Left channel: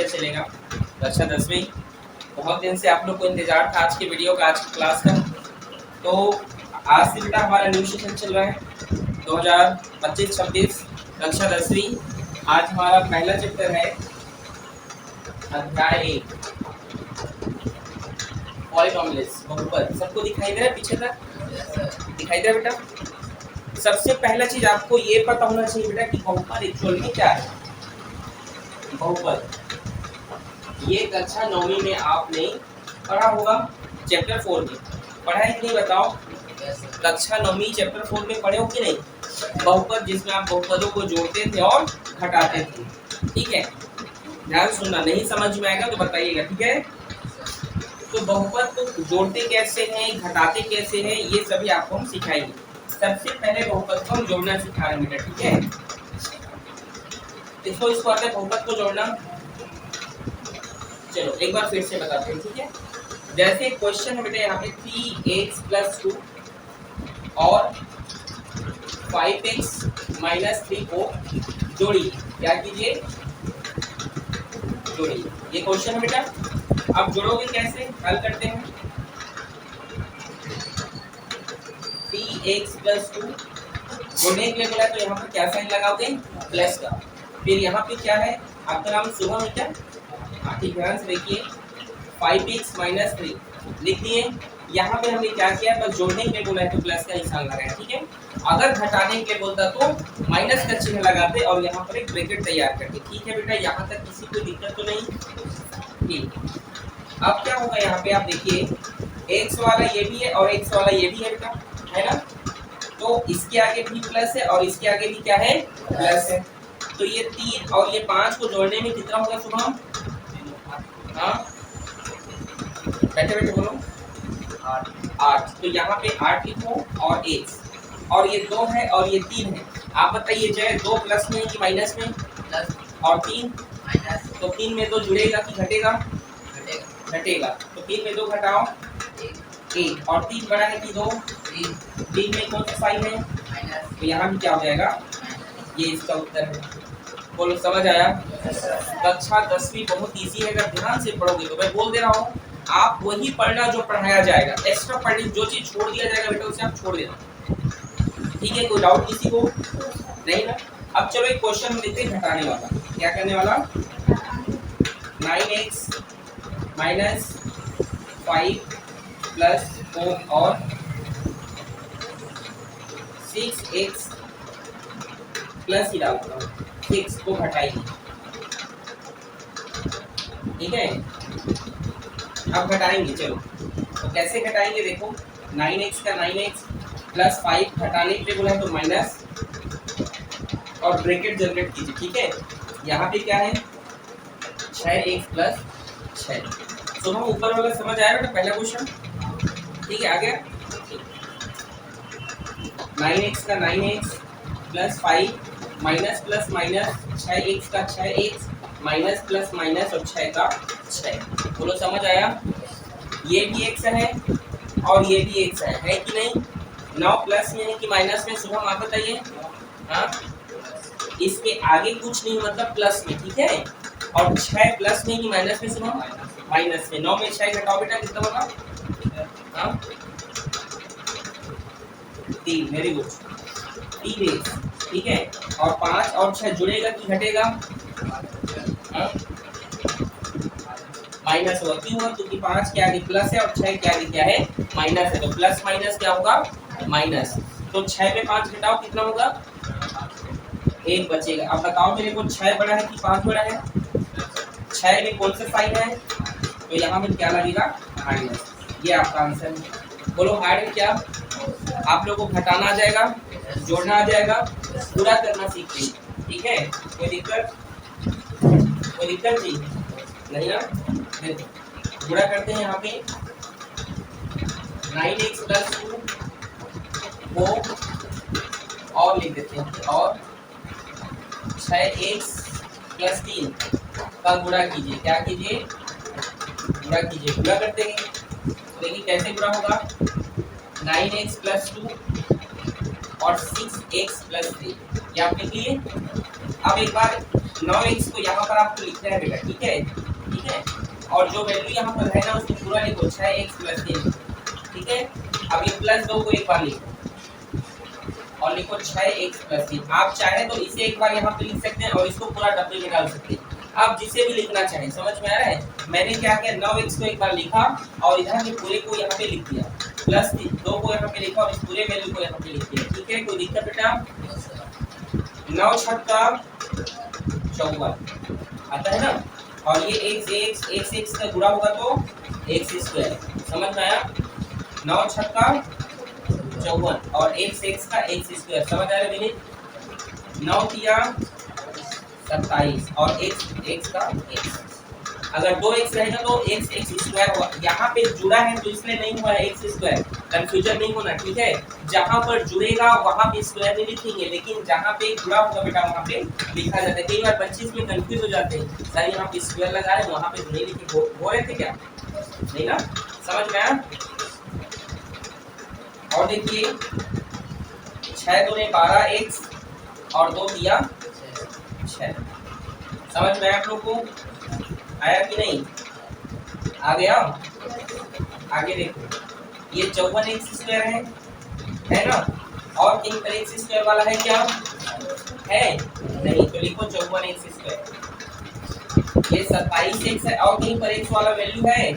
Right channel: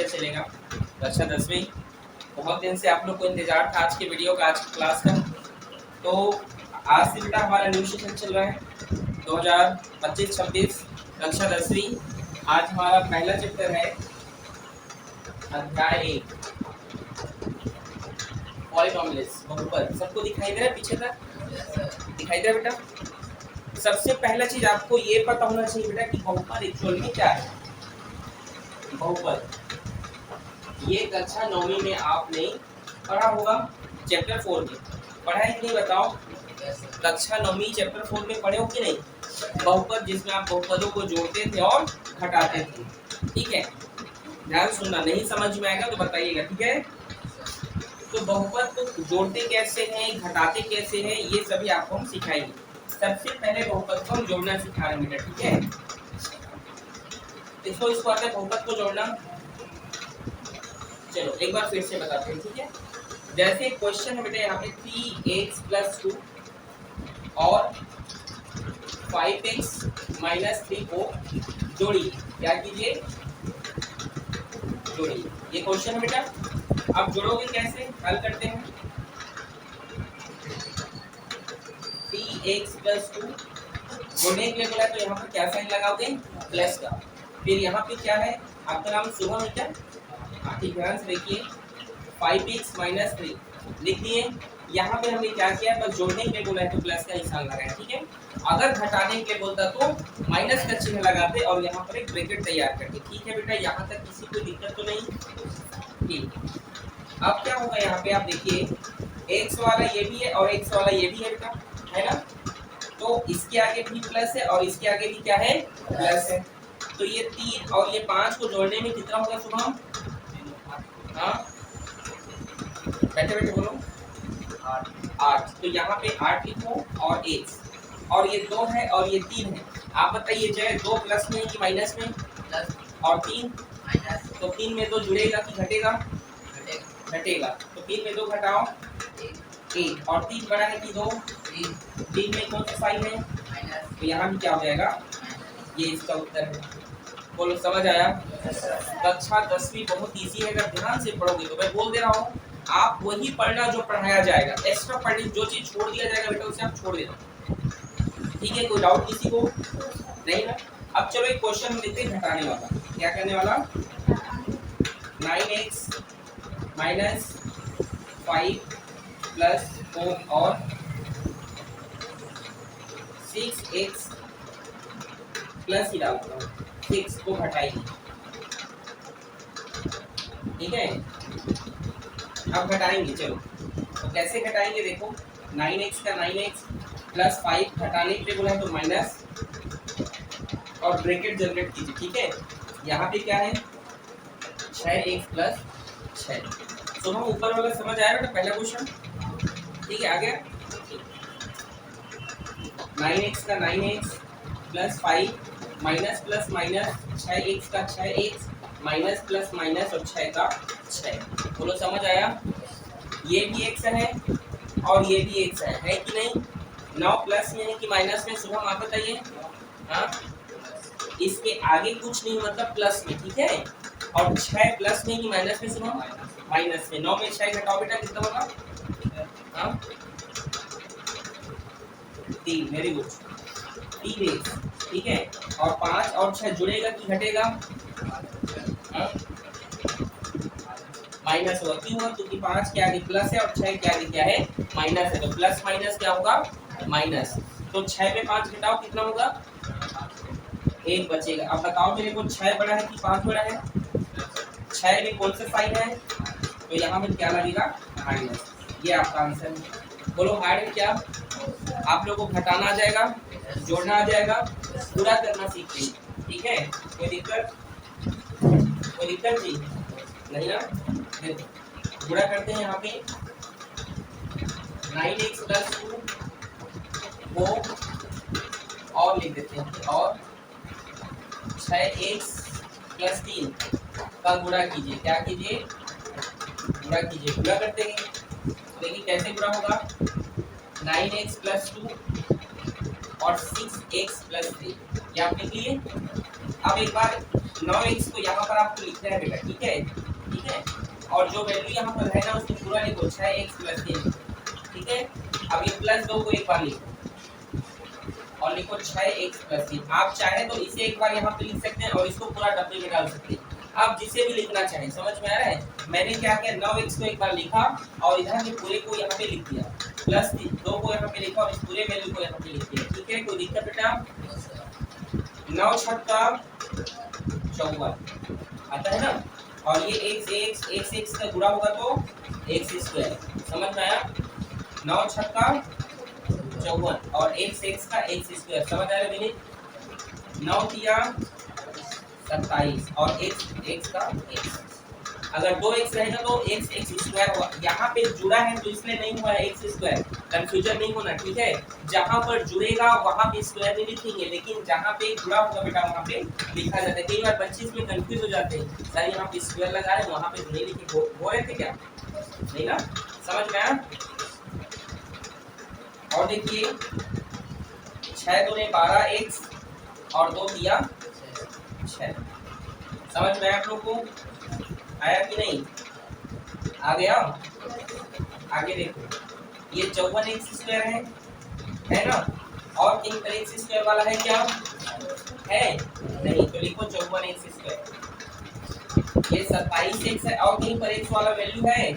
Lecture चलेगा कक्षा 10वीं। बहुत दिन से आप लोग को इंतजार था आज की वीडियो का, आज की क्लास का। तो आज से बेटा हमारा न्यू सेशन चल रहा है 2025-26 कक्षा 10वीं। आज हमारा पहला चैप्टर है अध्याय 1 पॉलीनोमियल्स, बहुपद। सबको दिखाई दे रहा है पीछे तक? दिखाई दे रहा है बेटा? सबसे पहला चीज आपको ये पता होना चाहिए बेटा कि बहुपद एक्चुअल में क्या है। बहुपद ये कक्षा 9वीं में आपने पढ़ा होगा, चैप्टर 4 में पढ़ा है कि नहीं बताओ? कक्षा 9वीं चैप्टर 4 में पढ़े हो कि नहीं? बहुपद, जिसमें आप बहुपदों को जोड़ते थे और घटाते थे। ठीक है, ध्यान सुनना, नहीं समझ में आएगा तो बताइएगा, ठीक है? तो बहुपद को जोड़ते कैसे हैं, घटाते कैसे हैं, ये सभी आपको हम सिखाएंगे। सबसे पहले बहुपद को हम जोड़ना सिखा रहे हैं बेटा, ठीक है? इसको आते हैं बहुपद को जोड़ना। चलो एक बार फिर से बताते हैं, ठीक है? जैसे क्वेश्चन है बेटा यहाँ पे 3x + 2 और 5x - 3 को जोड़िए। क्या कीजिए? जोड़िए। ये क्वेश्चन है बेटा, आप जोड़ोगे कैसे? हल करते हैं। 3x + 2 जोड़ने के लिए बोला तो यहाँ पर क्या साइन लगाओगे? प्लस का। फिर यहाँ पे क्या है? आपका नाम शुभम है क्या? ठीक, ध्यान से देखिए। 5x - 3 लिख दिए। यहाँ पे हमने क्या किया? बस जोड़ने के लिए बोला है तो प्लस का निशान लगाया, ठीक है? अगर घटाने के बोलता तो माइनस का चिन्ह लगाते और यहाँ पर एक ब्रैकेट तैयार करते। ठीक है बेटा, यहाँ तक किसी को दिक्कत तो नहीं? ठीक। अब क्या होगा यहाँ पे? आप देखिए, x वाला ये भी है और x वाला ये भी है बेटा, है ना? तो इसके आगे भी प्लस है और इसके आगे भी क्या है? प्लस है। तो ये 3 और ये 5 को जोड़ने में कितना होगा शुभम? हाँ, बैठे बैठे बोलो। 8। तो यहाँ पे 8 लिखो और x, और ये 2 है और ये 3 है। आप बताइए चाहे 2 प्लस में कि माइनस में? प्लस। और 3 माइनस। तो 3 में 2 जुड़ेगा कि घटेगा? घटेगा। तो 3 में 2 घटाओ 1, और 3 बड़ा है कि 2? 3 में कौन सा साइन है? माइनस। तो यहाँ भी क्या हो जाएगा? ये इसका उत्तर है। बोलो, समझ आया? कक्षा 10वीं बहुत इजी है, अगर ध्यान से पढ़ोगे तो। मैं बोल दे रहा हूँ, आप वही पढ़ना जो पढ़ाया जाएगा। एक्स्ट्रा पढ़ने जो चीज छोड़ दिया जाएगा बेटा उसे आप छोड़ देना, ठीक है? कोई डाउट किसी को नहीं ना? अब चलो एक क्वेश्चन हम देखते हैं घटाने वाला। क्या करने वाला? 9x - 5 + 4 और 6x प्लस ही डालता हूँ 6 को घटाइए, ठीक है? अब घटाएंगे, चलो तो कैसे घटाएंगे? देखो, 9x का 9x + 5 घटाने के लिए बोला है तो माइनस और ब्रैकेट जनरेट कीजिए, ठीक है? यहाँ पे क्या है? 6x + 6। तो हम ऊपर वाला समझ आया बेटा पहला क्वेश्चन? ठीक है, आ गया? 9x का 9x + 5 minus plus minus 6x का 6x माइनस प्लस माइनस और 6 का 6। बोलो, समझ आया? ये भी x है और ये भी x है कि नहीं? 9 प्लस में है कि माइनस में? शुभम आप बताइए। हाँ, इसके आगे कुछ नहीं, मतलब प्लस में, ठीक है? और 6 प्लस में कि माइनस में शुभम? माइनस में। 9 में 6 घटाओ बेटा, कितना होगा? हाँ, 3। वेरी गुड, 3x, ठीक है? और 5 और 6 जुड़ेगा कि घटेगा? माइनस होगा। क्यों होगा? क्योंकि 5 के आगे प्लस है और 6 के आगे क्या है? माइनस है। तो प्लस माइनस क्या होगा? माइनस। तो 6 में 5 घटाओ, कितना होगा? 1 बचेगा। अब बताओ मेरे को, 6 बड़ा है कि 5 बड़ा है? 6 में कौन सा साइन है? तो यहाँ में क्या लगेगा? माइनस। ये आपका आंसर है। बोलो, हार्ड में क्या आप लोगों को घटाना आ जाएगा, जोड़ना आ जाएगा, पूरा करना सीखते हैं, ठीक है? कोई दिक्कत नहीं ना? पूरा करते हैं। यहाँ पे 9x + 2 को और लिख देते हैं, और 6x + 3 का गुणा कीजिए। क्या कीजिए? गुणा कीजिए। गुणा करते हैं, देखिए कैसे गुणा होगा? 9x + 2 और 6x + 3, क्या आप लिख लिए? अब एक बार 9x को यहाँ पर आपको लिखना है बेटा, ठीक है, ठीक है। और जो वैल्यू यहाँ पर है ना उसको पूरा लिखो 6x + 3, ठीक है। अब ये +2 को एक बार लिखो और लिखो 6x + 3। आप चाहे तो इसे एक बार यहाँ पे लिख सकते हैं और इसको पूरा डब्बे में डाल सकते हैं, आप जिसे भी लिखना चाहें। समझ में आ रहा है? मैंने क्या किया, 9x को एक बार लिखा और इधर के पूरे को यहाँ पे लिख दिया, +2 को यहाँ पे लिखा और इस पूरे वैल्यू को यहाँ पे लिख दिया, ठीक है। कोई दिक्कत बेटा? 9 छक्का 54 आता है ना, और ये x से गुणा होगा तो x²। समझ में आया? 9 छक्का 54 और x का x²। समझ आ रहा है विनीत? 9 तिया 27 और x का x। अगर 2x रहेगा तो x² होगा। यहाँ पे जुड़ा है तो इसलिए नहीं हुआ है x², कंफ्यूजन नहीं होना, ठीक है। जहाँ पर जुड़ेगा वहाँ पे स्क्वायर नहीं लिखेंगे, लेकिन जहाँ पे जुड़ा होगा बेटा वहाँ पे लिखा जाता है। कई बार 25 में कंफ्यूज हो जाते हैं, सर यहाँ पे स्क्वायर लगा है वहाँ पे नहीं लिखे, हो रहे थे क्या? नहीं ना? समझ में आया? और देखिए 6 दूने 12x और 2 दिया 6। समझ में आया आप लोग को? आया कि नहीं? आ गया? आगे देखो, ये 54x² है ना, और कहीं पर x² वाला है क्या? है नहीं, तो लिखो 54x²। ये 27x है और कहीं पर x वाला वैल्यू है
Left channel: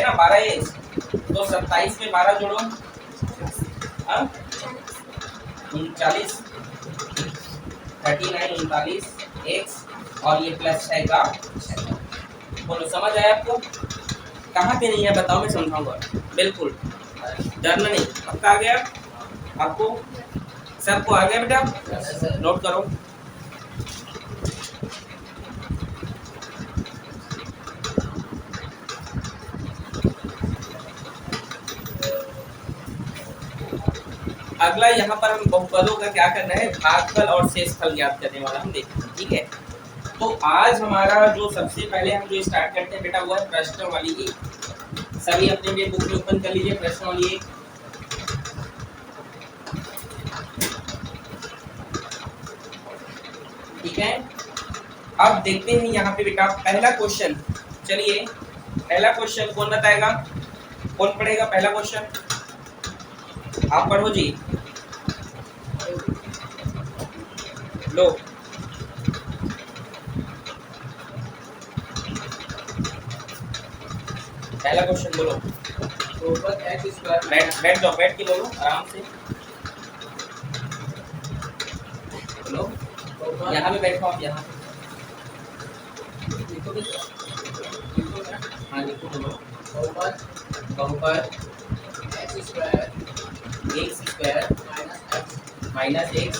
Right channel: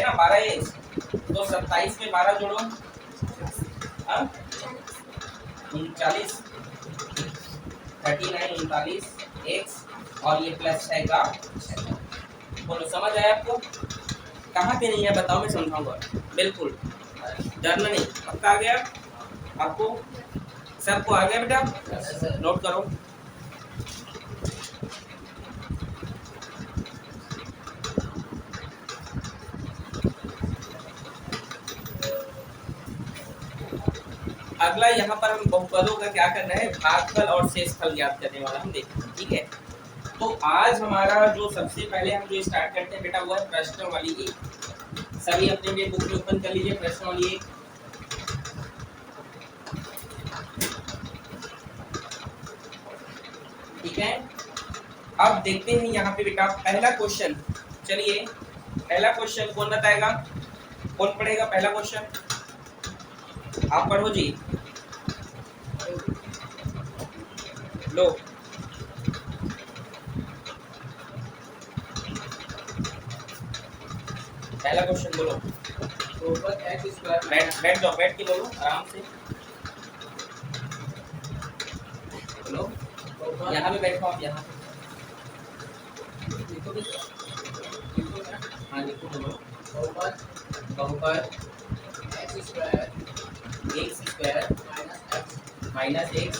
ना 12x, तो 27 में 12 जोड़ो 39, 39 x और ये +6 का। बोलो समझ आया आपको? कहाँ पे नहीं है बताओ, मैं समझाऊंगा। बिल्कुल डरना नहीं, पक्का आ गया आपको? सबको आ गया बेटा? नोट करो। अगला यहाँ पर हम बहुपदों का क्या करना है, भागफल और शेषफल ज्ञात करने वाला हम देखेंगे, ठीक है। तो आज हमारा जो सबसे पहले हम जो स्टार्ट करते हैं बेटा वो है प्रश्नावली 1। सभी अपने लिए बुक ओपन कर लीजिए, प्रश्नावली 1। ठीक है, अब देखते हैं यहाँ पे बेटा पहला क्वेश्चन। चलिए पहला क्वेश्चन कौन बताएगा, कौन पढ़ेगा पहला क्वेश्चन? आप पढ़ो जी, लो। पहला क्वेश्चन बोलो। बैठ जाओ, बैठ के बोलो आराम से। लो यहाँ पे बैठो आप, यहाँ हाँ लिखो, बोलो। बहुपद x² माइनस x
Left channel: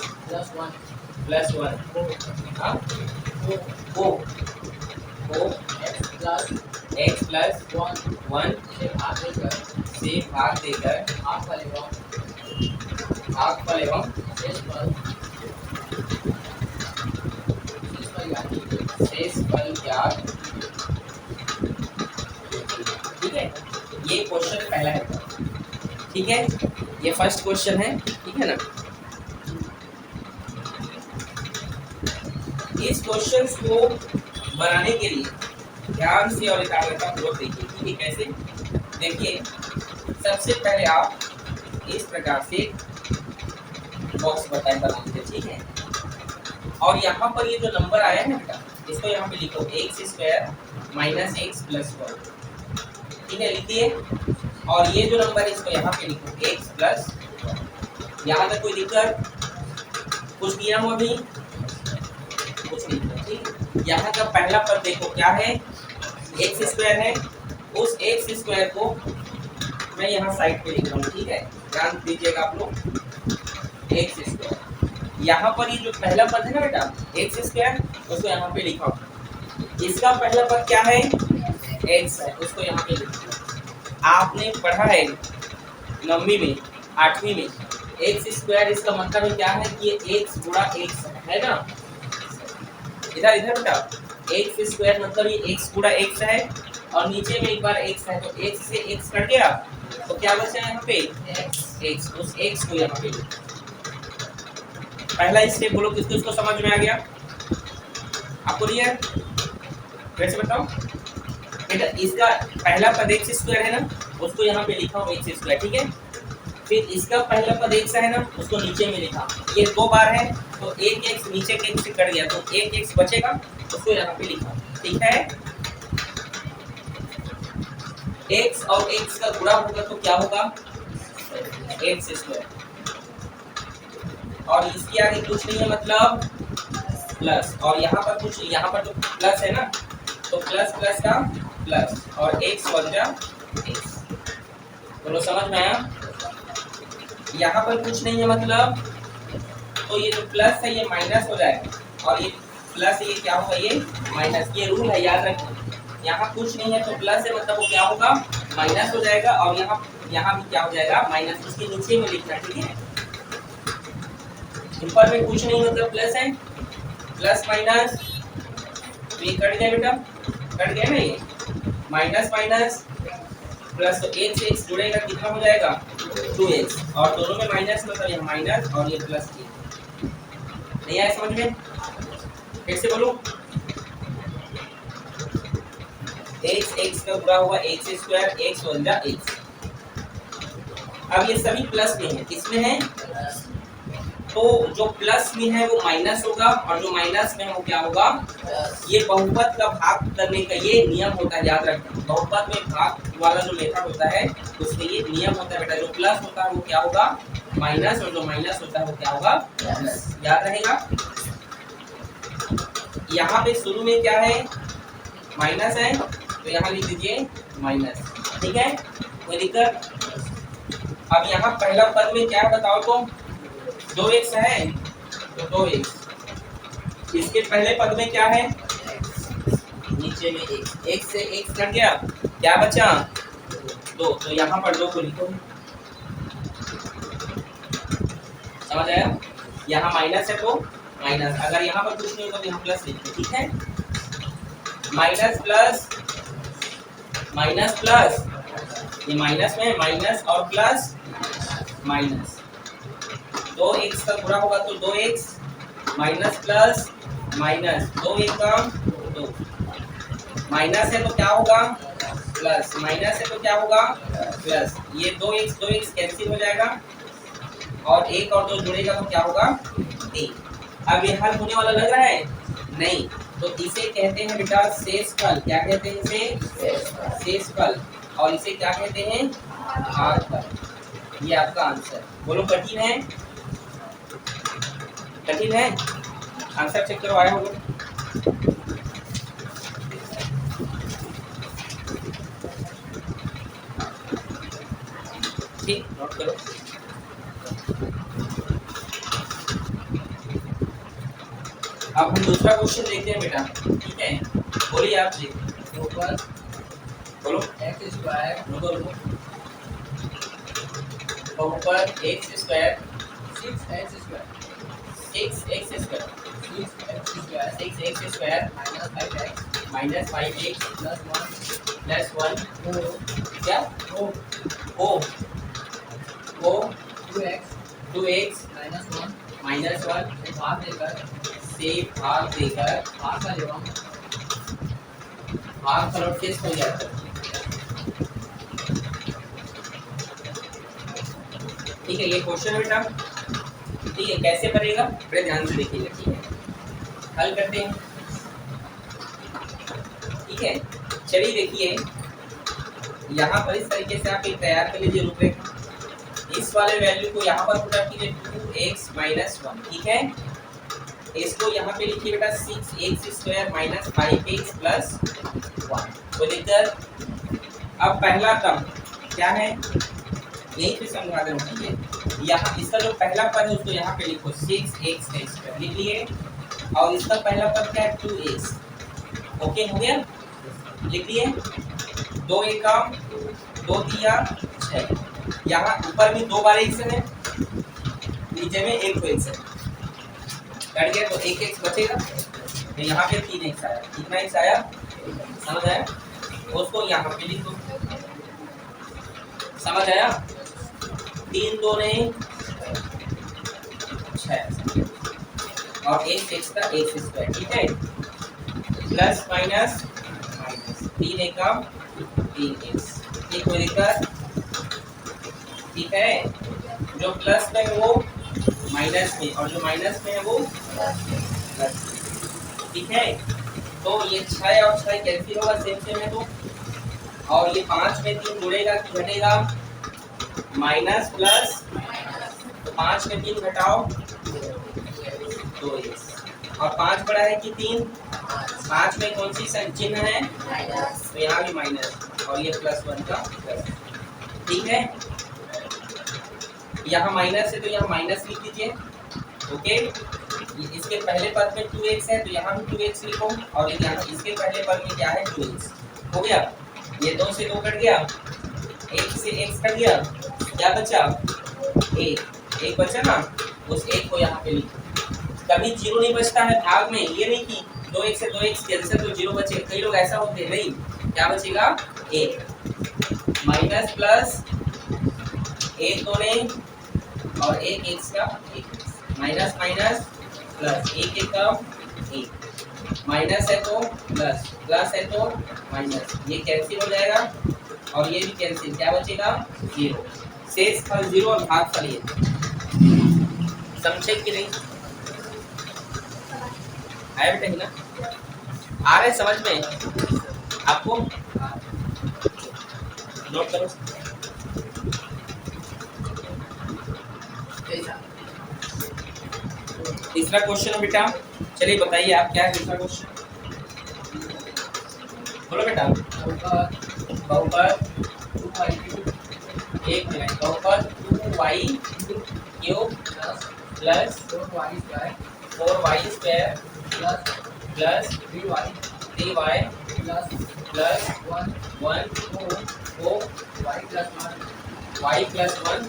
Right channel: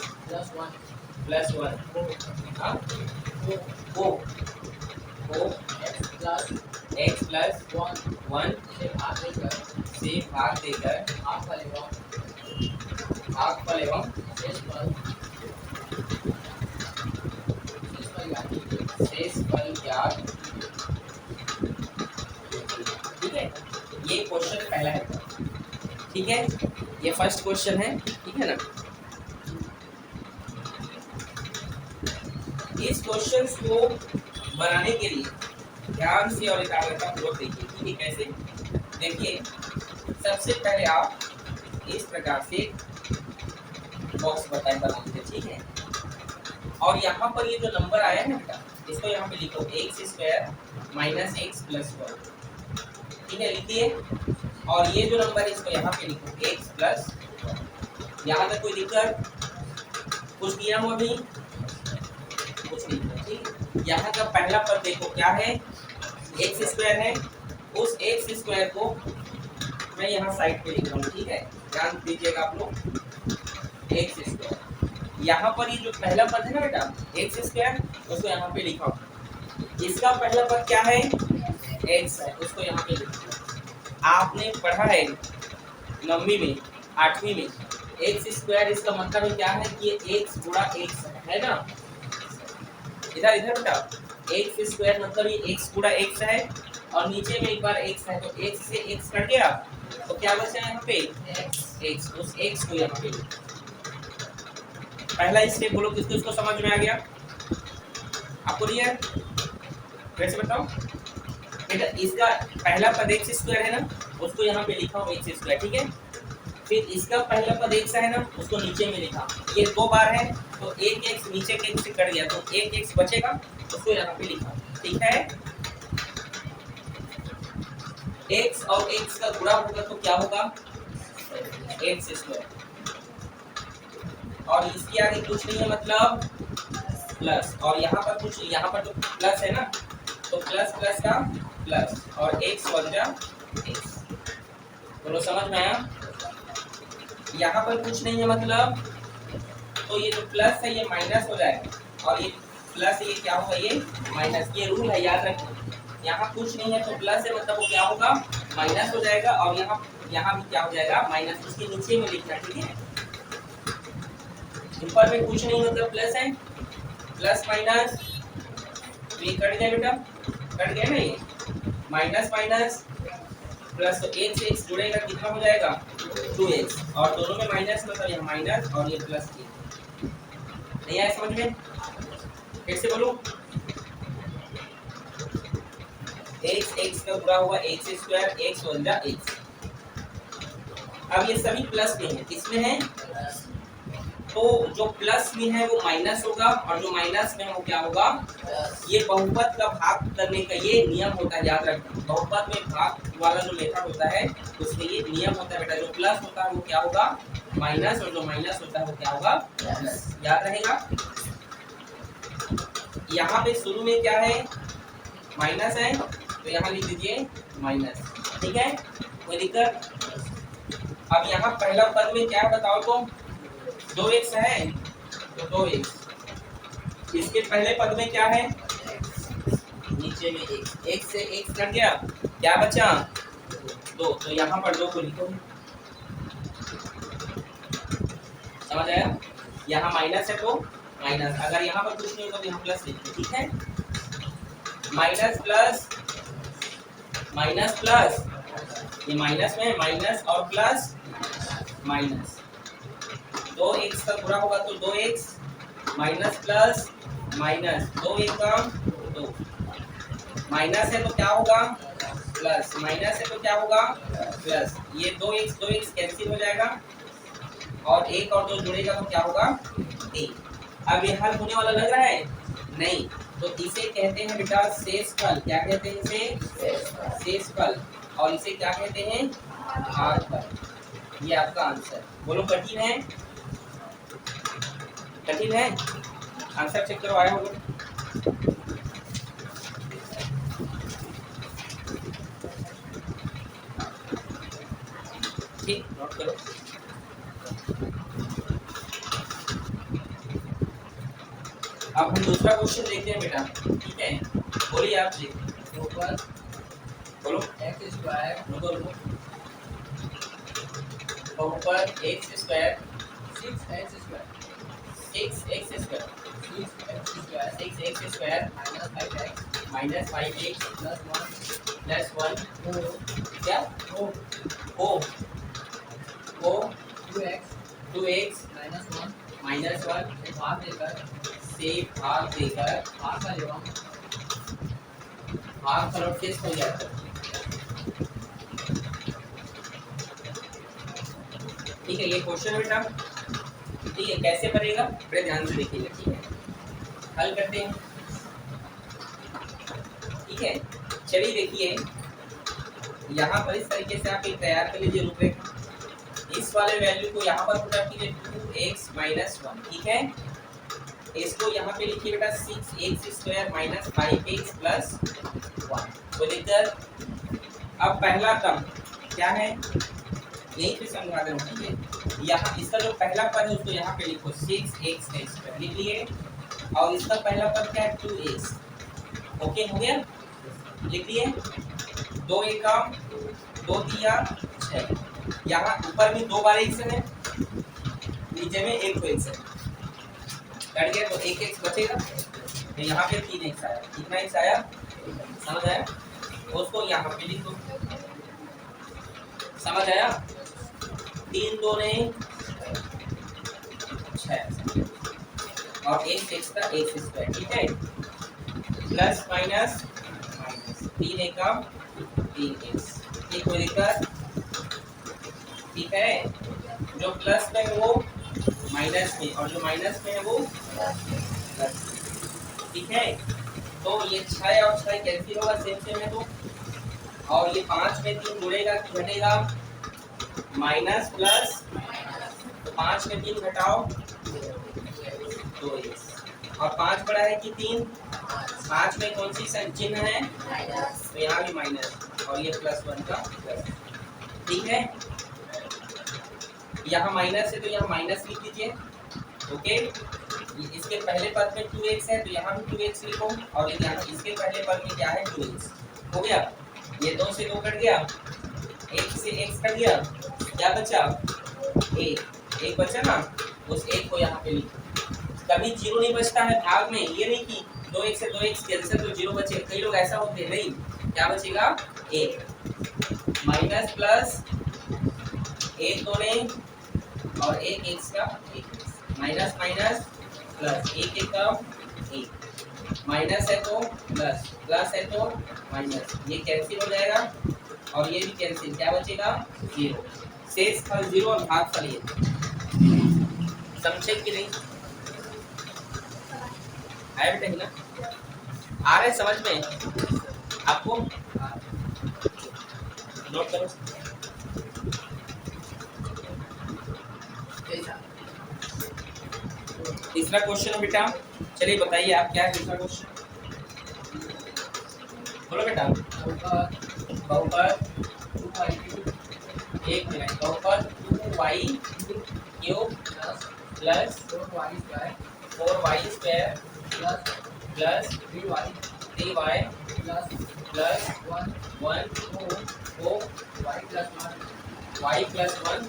प्लस 1 हाँ को x प्लस 1 से भाग देकर भागफल एवं शेषफल ज्ञात। ठीक है, ये क्वेश्चन पहला है, ठीक है, ये फर्स्ट क्वेश्चन है, ठीक है ना। इस क्वेश्चन को बनाने के लिए ध्यान से और एकाग्रता पूर्वक देखिए, ठीक है। कैसे? देखिए सबसे पहले आप इस प्रकार से बॉक्स बना लीजिए, ठीक है। और यहाँ पर ये जो नंबर आया है ना बेटा, इसको यहाँ पे लिखो x² माइनस x प्लस 1, ठीक है, लिखिए। और ये जो नंबर है इसको यहाँ पे लिखो x प्लस। यहाँ पे कोई दिक्कत? कुछ किया हो अभी? कुछ नहीं, ठीक। यहाँ का पहला पद देखो क्या है, x² है। उस x² को मैं यहाँ साइड पे लिख रहा हूँ, ठीक है, ध्यान दीजिएगा आप लोग। x², यहाँ पर ये जो पहला पद है ना बेटा x², उसको यहाँ पे लिखा। इसका पहला पद क्या है, x है, उसको यहाँ पे लिखा। आपने पढ़ा है 9वीं में 8वीं में x², इसका मतलब है क्या है कि ये x गुणा x है ना। इधर इधर बेटा x² मतलब ये x गुणा x है, और नीचे में एक बार x है, तो x से x कट गया तो क्या बचा यहाँ पे x। उस x को यहाँ पे पहला स्टेप बोलो, किसको इसको समझ में आ गया? आपको दिया है, फिर से बताओ बेटा। इसका पहला पद एक्स स्क्वायर है ना, उसको यहाँ पे लिखा हूँ एक्स स्क्वायर, ठीक है। फिर इसका पहला पद एक्स है ना, उसको नीचे में लिखा। ये 2 बार है तो एक एक्स नीचे के एक्स से कट गया तो एक एक्स बचेगा, उसको यहाँ पे लिखा, ठीक है। एक्स और एक्स का गुणा होगा तो क्या होगा, एक्स स्क्वायर। और इसके आगे कुछ नहीं है मतलब प्लस, और यहाँ पर कुछ, यहाँ पर तो प्लस है ना, तो प्लस प्लस का प्लस और एक्स बन जा एक्स। बोलो समझ में आया। यहाँ पर कुछ नहीं है मतलब, तो ये जो प्लस है ये माइनस हो जाएगा, और ये प्लस ये क्या होगा, ये माइनस। ये रूल है, याद रखना। यहाँ कुछ नहीं है तो प्लस है मतलब वो क्या होगा, माइनस हो जाएगा, और यहाँ भी क्या हो जाएगा, माइनस। उसके नीचे में लिखना, ठीक है। ऊपर में कुछ नहीं मतलब प्लस है, प्लस माइनस, तो ये कट गया बेटा, कट गया ना, ये माइनस माइनस प्लस, तो एक से एक्स जुड़ेगा कितना हो जाएगा, 2x, और दोनों में माइनस मतलब ये माइनस और ये प्लस। नहीं आया समझ में, फिर से बोलो। एक्स एक्स का गुणा हुआ एक्स स्क्वायर, एक्स बन जा एक्स। अब ये सभी प्लस में है, किसमें है, तो जो प्लस में है वो माइनस होगा, और जो माइनस में है वो क्या होगा। ये बहुपद का भाग करने का ये नियम होता है, याद रखना। बहुपद में भाग वाला जो मेथड होता है उसमें ये नियम होता है बेटा। जो प्लस होता है वो क्या होगा, माइनस, और जो माइनस होता है वो क्या होगा, प्लस। याद रहेगा। यहाँ पे शुरू में क्या है, माइनस है, तो यहाँ लिख दीजिए माइनस, ठीक है, कोई दिक्कत। अब यहाँ पहला पद में क्या बताओ तो 2x है, तो 2x। इसके पहले पद में क्या है, नीचे में x से x कट गया, क्या बचा 2, तो यहाँ पर 2 को लिखो, समझ आया। यहाँ माइनस है तो माइनस, अगर यहाँ पर कुछ नहीं होगा तो यहाँ प्लस लिखते, ठीक है। माइनस प्लस माइनस प्लस, ये माइनस में माइनस और प्लस माइनस, 2x का गुणा होगा तो 2x, माइनस प्लस माइनस, 2 एक का 2, माइनस है तो क्या होगा, प्लस, माइनस है तो क्या होगा, प्लस। ये 2x कैंसिल हो जाएगा, और 1 और 2 जुड़ेगा तो क्या होगा, 3। अब ये हल होने वाला लग रहा है, नहीं, तो इसे कहते हैं बेटा शेषफल। क्या कहते हैं इसे, शेषफल। और इसे क्या कहते हैं, भागफल। ये आपका आंसर। बोलो कठिन है, कठिन है, आंसर चेक करो, आया होगा। ठीक, नोट करो। अब हम दूसरा क्वेश्चन देखते हैं बेटा, ठीक है। बोलिए आप जी, ऊपर बोलो एक्स स्क्वायर, ऊपर x square, 6x square, 6x square, 6x square minus 5x plus 1 क्या, ओ 2x माइनस 1 से भाग देकर भाग फल टेस्ट हो जाता है, ठीक है। ये क्वेश्चन बेटा, ठीक है, कैसे बनेगा बड़े ध्यान से देखिएगा, ठीक है। हल करते हैं, ठीक है। चलिए देखिए, यहाँ पर इस तरीके से आप एक तैयार कर लीजिए रूपरेखा। इस वाले वैल्यू को यहाँ पर पुट कीजिए 2x माइनस 1, ठीक है। इसको यहाँ पे लिखिए बेटा 6x square minus 5x plus 1 को लेकर। अब पहला टर्म क्या है, यही पे समझा देना चाहिए। यहाँ इसका जो पहला पद है उसको यहाँ पे लिखो 6x स्क्वायर लिख लिए, और इसका पहला पद क्या है 2x, ओके हो गया, लिख लिए। 2 एका 2 दिया 6, यहाँ ऊपर में 2 बार x है, नीचे में 1 तो x है, कट गया तो 1x बचेगा, तो यहाँ पे 3x आया। कितना x आया, समझ आया, उसको यहाँ पे लिख दो, समझ आया। 3 2 6 और 1 6 का x स्क्वायर, ठीक है। प्लस माइनस माइनस, 3 एकम 3x, ये कोई दिक्कत? ठीक है, जो प्लस में है वो माइनस में और जो माइनस में है वो प्लस। ठीक है, तो ये 6 और 6 कैंसिल होगा, सेम सेम है तो, और ये 5 में 3 जुड़ेगा कि घटेगा, माइनस प्लस, तो 5 में 3 घटाओ 2x, और 5 बड़ा है कि 3, 5 में कौन सी चिन्ह है, तो यहाँ भी माइनस, और ये +1 का प्लस। ठीक है, यहाँ माइनस है तो यहाँ माइनस लिख दीजिए। ओके, इसके पहले पद में 2x है तो यहाँ भी 2x लिखो, और यहाँ इसके पहले पद में क्या है 2x। हो गया, ये 2 से 2 कट गया, 1 से x कट गया, क्या बचा 1 बचा ना, उस 1 को यहाँ पे लिखो। कभी 0 नहीं बचता है भाग में, ये नहीं कि 2x से 2x कैंसिल तो 0 बचे, कई लोग ऐसा होते हैं, नहीं, क्या बचेगा 1 माइनस प्लस 1 दोने और 1 x का 1 माइनस माइनस प्लस 1 का 1 माइनस है तो प्लस, प्लस है तो माइनस, ये कैंसिल हो जाएगा और ये भी कैंसिल, क्या बचेगा 0, शेष फल 0 और भाग फल 1। समझे कि नहीं? आया बेटा ही ना, आ रहा है समझ में आपको? नोट करो। तीसरा क्वेश्चन बेटा, चलिए बताइए आप क्या है तीसरा क्वेश्चन, बोलो बेटा। बहुपद 2y3, एक मिनट, बहुपद 2y³ plus 4y² plus 3y plus 1 को y प्लस 1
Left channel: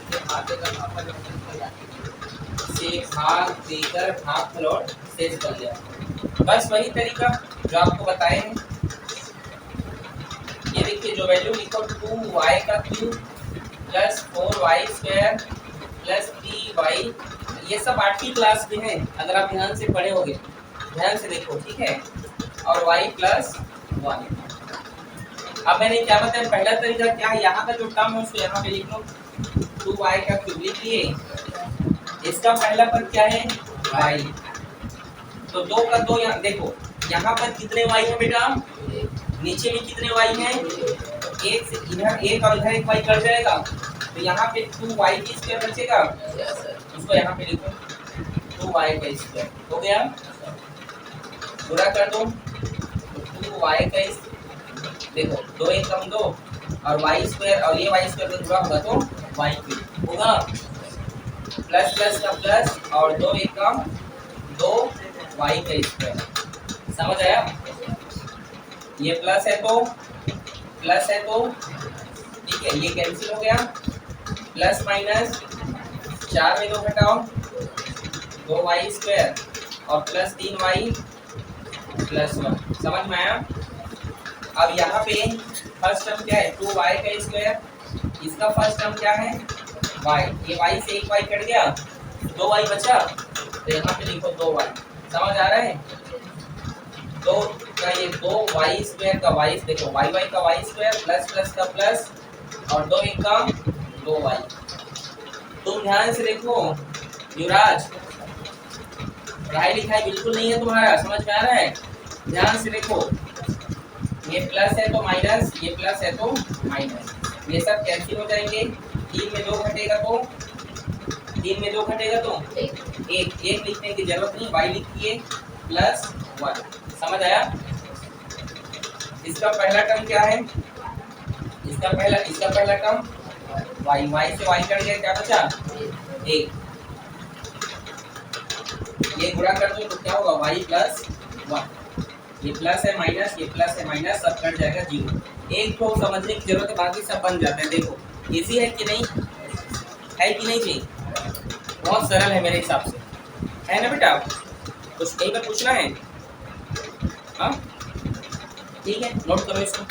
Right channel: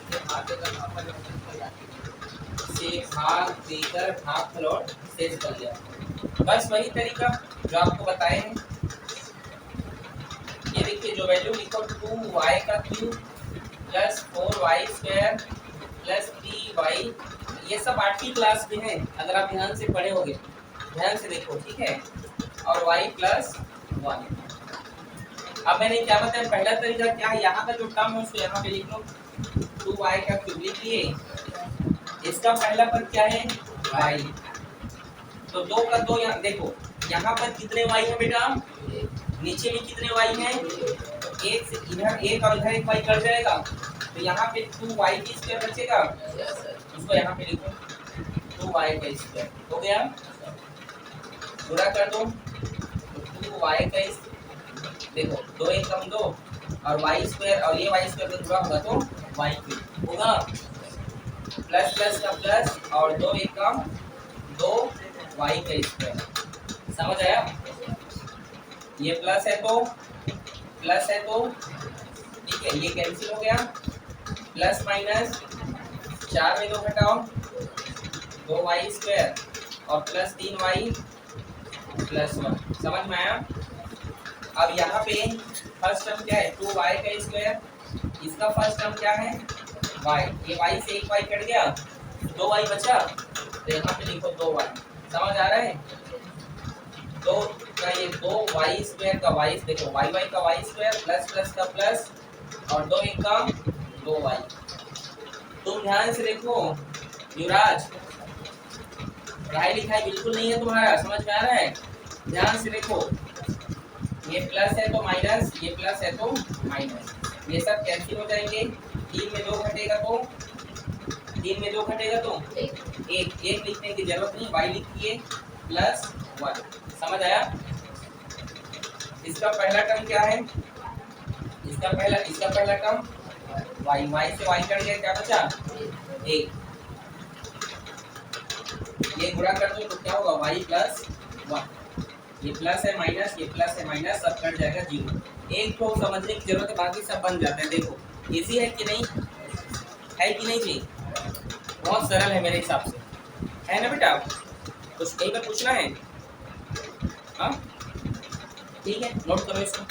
से भाग देकर भागफल और शेष बन गया। बस वही तरीका जो आपको बताए हैं। ये देखिए, जो वैल्यू लिखो 2y³ plus 4y² plus 3y, ये सब 8वीं क्लास में है, अगर आप ध्यान से पढ़े होगे, ध्यान से देखो, ठीक है, और y प्लस 1। अब मैंने क्या बताया, पहला तरीका क्या है, यहाँ का जो टर्म है उसको यहाँ पे लिख लो, 2y³ लिख लिए, इसका पहला पद क्या है y, तो 2 का 2 यहाँ देखो, यहाँ पर कितने y है बेटा, नीचे में कितने y हैं, एक से इधर एक और इधर एक y कट जाएगा, तो यहाँ पे 2y² बचेगा, उसको यहाँ पे लिखो 2y², हो गया, पूरा कर दो, 2y², देखो 2 1 कम 2 और y² और ये y² का पूरा होगा तो y³ होगा, प्लस प्लस का प्लस और 2 1 कम 2y²। समझ आया? ये प्लस है तो ठीक है, ये कैंसिल हो गया, प्लस माइनस 4 में 2 घटाओ 2y² और प्लस 3y प्लस 1। समझ में आया? अब यहाँ पे फर्स्ट टर्म क्या है 2y², इसका फर्स्ट टर्म क्या है y, ये y से एक y कट गया, 2y बचा, तो यहाँ पे लिखो 2y। समझ आ रहा है? तो का ये 2y² का y, देखो y का y² प्लस प्लस का प्लस और 2 1 का 2y। तुम ध्यान से देखो युवराज, पढ़ाई लिखाई बिल्कुल नहीं है तुम्हारा, समझ में आ रहा है? ध्यान से देखो, ये प्लस है तो माइनस, ये प्लस है तो माइनस, ये सब कैंसिल हो जाएंगे, 3 में 2 घटेगा तो 3 में 2 घटेगा तो एक लिखने की जरूरत नहीं, y लिखिए प्लस 1। समझ आया? इसका पहला टर्म क्या है, इसका पहला टर्म y से y कट गया, क्या बचा 1, ये गुणा कर दो तो क्या होगा y प्लस 1, ये प्लस है माइनस, ये प्लस है माइनस, सब कट जाएगा 0। एक तो समझने की जरूरत है, बाकी सब बन जाते हैं। देखो इजी है कि नहीं, है कि नहीं जी? बहुत सरल है मेरे हिसाब से, है ना बेटा? कुछ कहीं पर पूछना है? हाँ ठीक है, नोट करो इसको।